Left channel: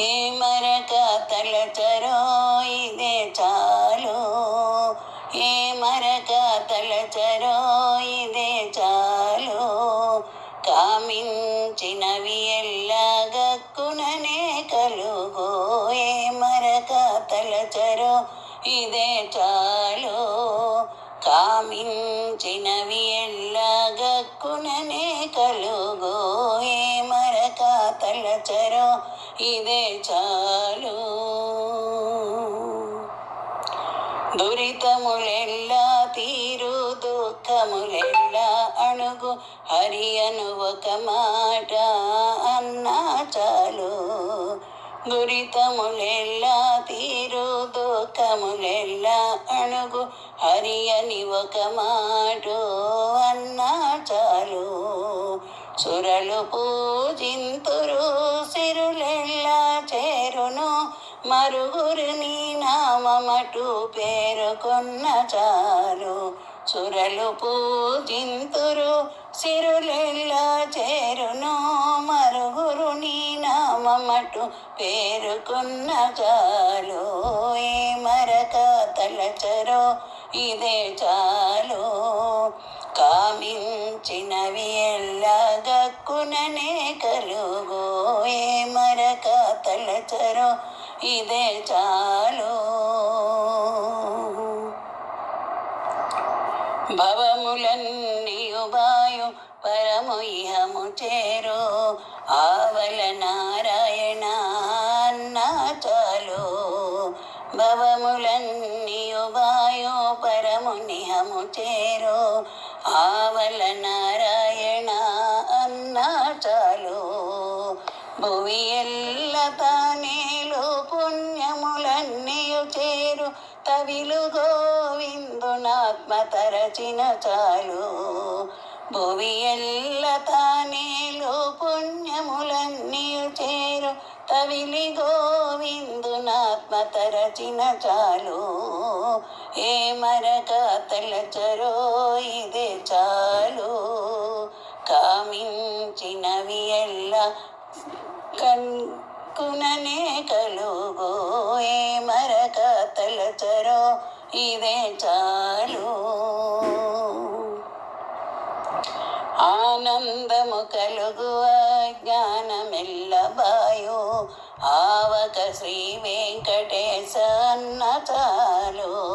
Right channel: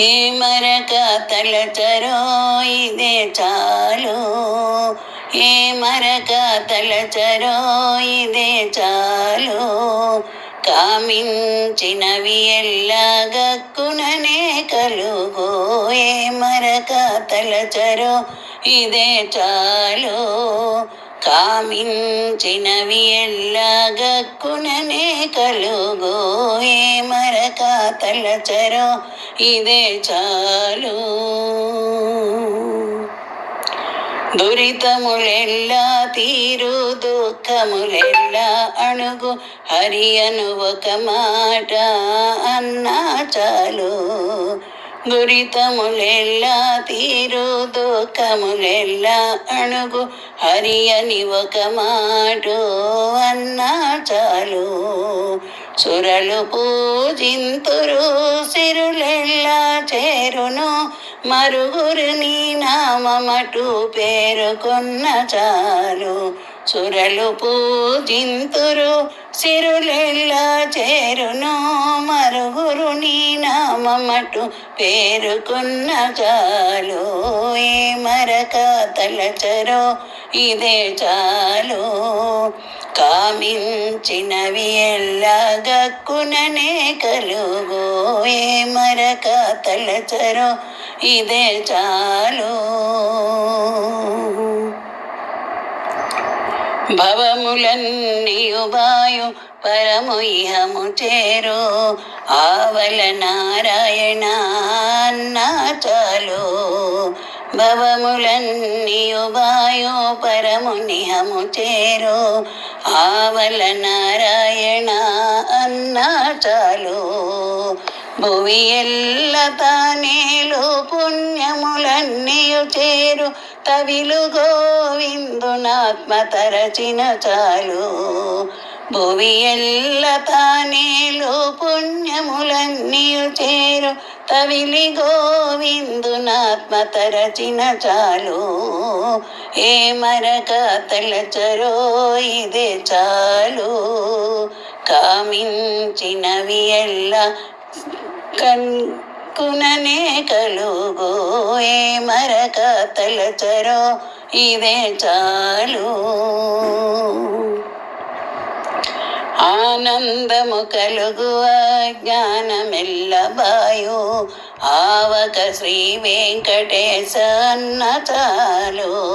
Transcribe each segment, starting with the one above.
ఏ మరక తలచరో ఇదే చాలు. ఏ మరక తలచరో ఇదే చాలు. కామించినవి ఎల్లా గక్కుననే కలుగో. ఏ మరక తలచరో ఇదే చాలు. కామించినవి ఎల్లగక్కుననే కలుగో ఏ మరక తలచరో ఇదే చాలు. దురితములెల్లా తీరు దుఃఖములెల్లా అణుగు హరి అను ఒక మాట అన్న దురితములెల్లా తీరు దుఃఖములెల్లా అణుగు హరి అని ఒక మాట అన్నా చాలు. సురలు పూజింతురు సిరులెల్లా చేరును మరుగురు నీ నామమటు పేరుకొన్న చాలు. సురలు పూజింతురు సిరులెల్లా చేరును మరుగురు నీ నామమటు పేరుకున్న చాలు. ఏ మరక తలచరో ఇదే చాలు. కామించినవి ఎల్లగక్కుననే కలుగో. ఏ మరక తలచరో ఇదే చాలు. భవములన్నీయుబాయు పరము ఇహము చేరు. ఆవల నారాయణ అన్నా చాలు. భవములన్నీయుబాయు పరము నిహము చేరు. ఆవల నారాయణ అన్నా చాలు. భువి ఎల్ల తానేలు పుణ్యములన్నీయు చేరు. తవిలు గోవిందునాత్మ తరచిన చాలు. భువి ఎల్ల తానేలు పుణ్యములన్నీయు చేరు. తవిలి గోవిందునాత్మ తరచిన చాలు. ఏ మరక తలచరో ఇదే చాలు. కామించినవి ఎల్ల కన్ కలుగో ఏ మరక తలచరో ఇదే చాలు. ఆనందము కలుగు జ్ఞానమెల్లబాయు ఆవక శ్రీ వెంకటేశ చాలు.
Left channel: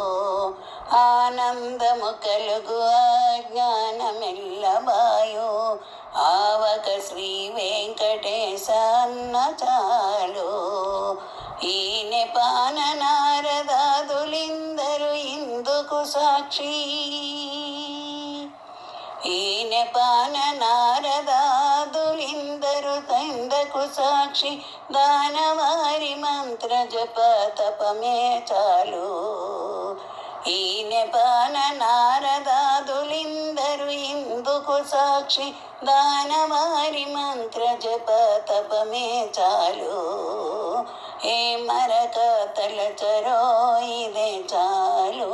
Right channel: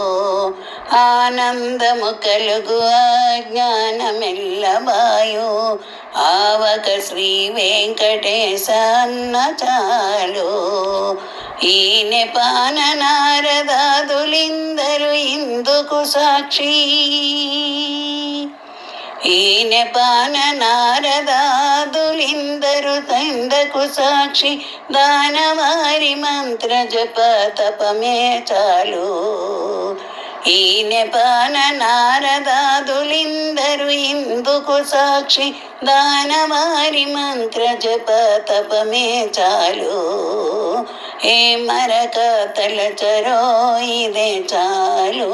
ఆనందము కలుగు జ్ఞానమెల్లబాయు ఆవక శ్రీ వెంకటేశ అన్న చాలు. ఈయన పాన నారదాదులిందరు ఇందుకు సాక్షి. ఈయన పాన నారదాదులిందరు తందకు సాక్షి. దానవారి మంత్ర జప తపమే చాలు. ఈయన పాన నారదాదులిందరు ఇందుకు సాక్షి దానవారి మంత్ర జప తపమే చాలు. ఏ మరక తలచరో ఇదే చాలు.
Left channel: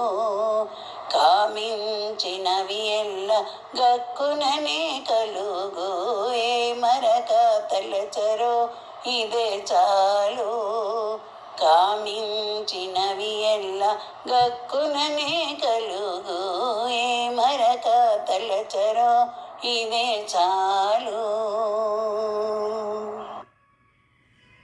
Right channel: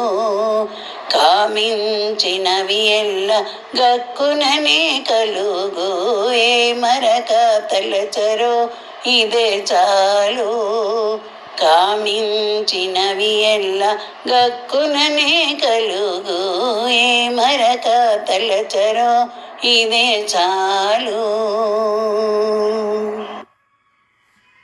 కామించినవి ఎల్ల గక్కుననే కలుగు. ఏ మరక తలచరో ఇదే చాలు. మించినవి ఎల్ల గక్కుననే కలుగు. ఏ మరక తలచరో ఇదే చాలు.